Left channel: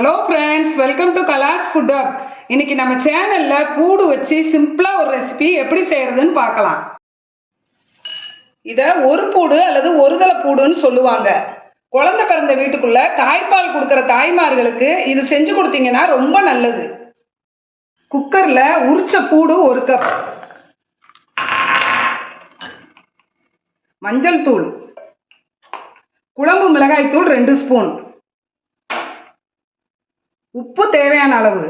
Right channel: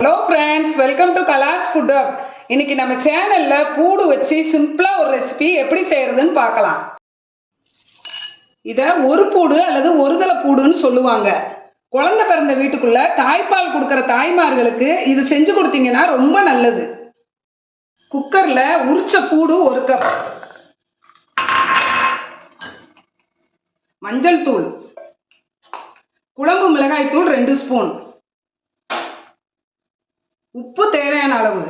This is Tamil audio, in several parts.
ஹலோ ஃப்ரெண்ட்ஸ் வெல்கம் டு கலாஸ் ஃபுட் அப் இன்னைக்கு நம்ம சேனலில் பூடு வச்சு சிம்பிளாக ஒரு ரெசிபி எப்படி செய்கிறதுன்னு பார்க்கலாம். இதை ஒரு பூடு அல்லது ஒருதலை பூடுன்னு சொல்லுவாங்க. குழந்தை பிறந்த வீட்டுக்குள்ள தாய்ப்பால் கொடுக்குற தாய்மார்களுக்கு இது செஞ்சு கொடுத்தீங்கன்னா ரொம்ப நல்லது. குக்கரில் உரிச்ச பூடு ஒரு கப் மஞ்சள் தூள். குழம்பு மிளகாய் தூள் ரெண்டு ஸ்பூன் உப்பு தேவையான அளவு.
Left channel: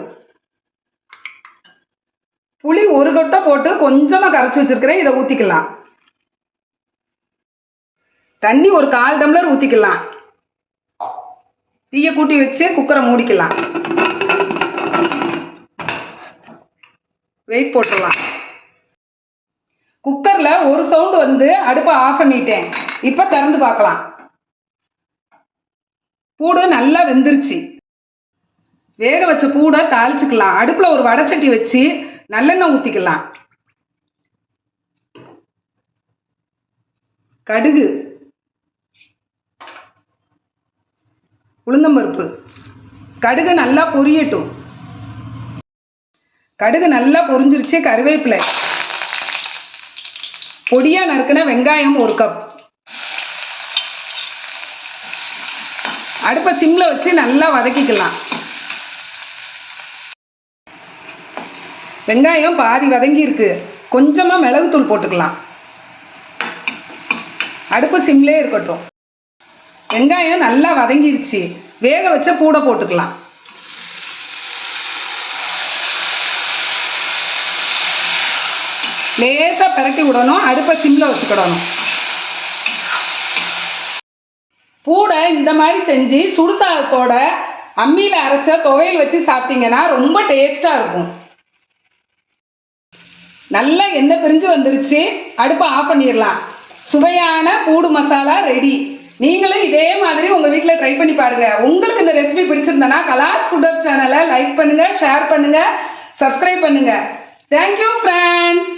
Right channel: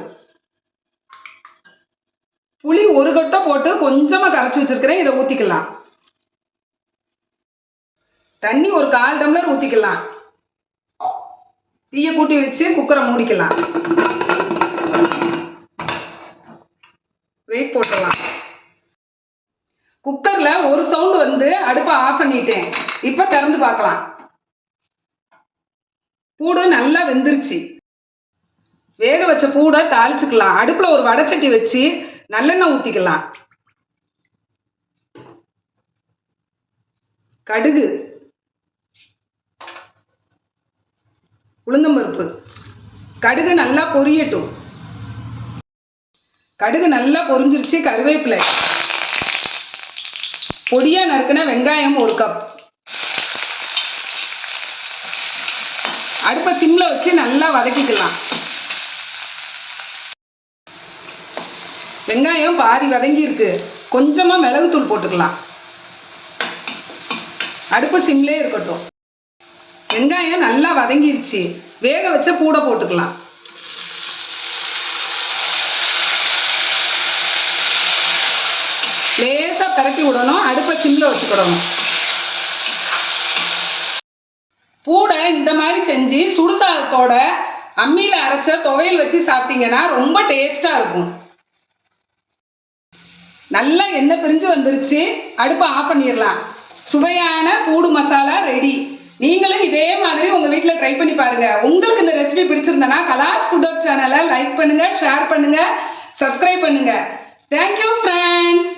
புளி ஒரு கொட்டை போட்டு கொஞ்சமாக கரைச்சி வச்சிருக்கிறேன். இதை ஊற்றிக்கலாம் தண்ணி ஒரு கால் டம்ளர் ஊற்றிக்கலாம் தீயை கூட்டி வச்சு குக்கரை மூடிக்கலாம். வெயிட் போட்டுக்கலாம் குக்கரில் ஒரு சவுண்டு வந்து அடுப்பை ஆஃப் பண்ணிட்டேன். இப்போ திறந்து பார்க்கலாம். பூடு நல்லா வெந்துருச்சு. வேக வச்ச பூனை தாளிச்சுக்கலாம். அடுப்பில் ஒரு வடைச்சட்டி வச்சு நல்லெண்ணெய் ஊற்றிக்கலாம் கடுகு. உளுந்தம்பருப்பு. கடுகு நல்லா பொரியட்டும். கடுகு நல்லா பொரிஞ்சிருச்சு கருவேப்பிலை. பொடியாக நறுக்கின வெங்காயம் ஒரு கப். அடுப்பை சிம்மில் வச்சு நல்லா வதக்கிக்கலாம். வெங்காயம் பாதி வதங்கி இருக்கு. கொஞ்சமாக மிளகுத்தூள் போட்டுக்கலாம். அடுப்பு சிம்லே இருக்கட்டும். வெங்காயம் நல்லா வதங்கிருச்சு. வேக வச்ச பூடை போட்டுக்கலாம். லேசாக பரட்டி விடணும். அடுப்பை சிம்மில் வச்சுக்கிடணும். பூடை இந்த மாதிரி செஞ்சு சுடுசாதத்தோட அம்மியில் அரைச்ச துவையல் வச்சு சாப்பிட்டீங்கன்னா ரொம்ப டேஸ்ட்டாக இருக்கும். நல்லா எண்ணெய் பிரிஞ்சு வந்துருச்சு. அடுப்பை ஆஃப் பண்ணிடலாம். சுவையான பூடு மசாலா ரெடி நீங்களும் இதே மாதிரி உங்கள் வீட்டில் ட்ரை பண்ணி பாருங்கள் உங்களுக்கு இந்த ரெசிபி பிடிச்சிருந்தனா கலாஸ் ஃபுட் அப் சேனலை லைக் பண்ணுங்கள் ஷேர் பண்ணுங்கள் சப்ஸ்கிரைப் பண்ணுங்கள் தேங்க்யூ ஃப்ரெண்ட்ஸ்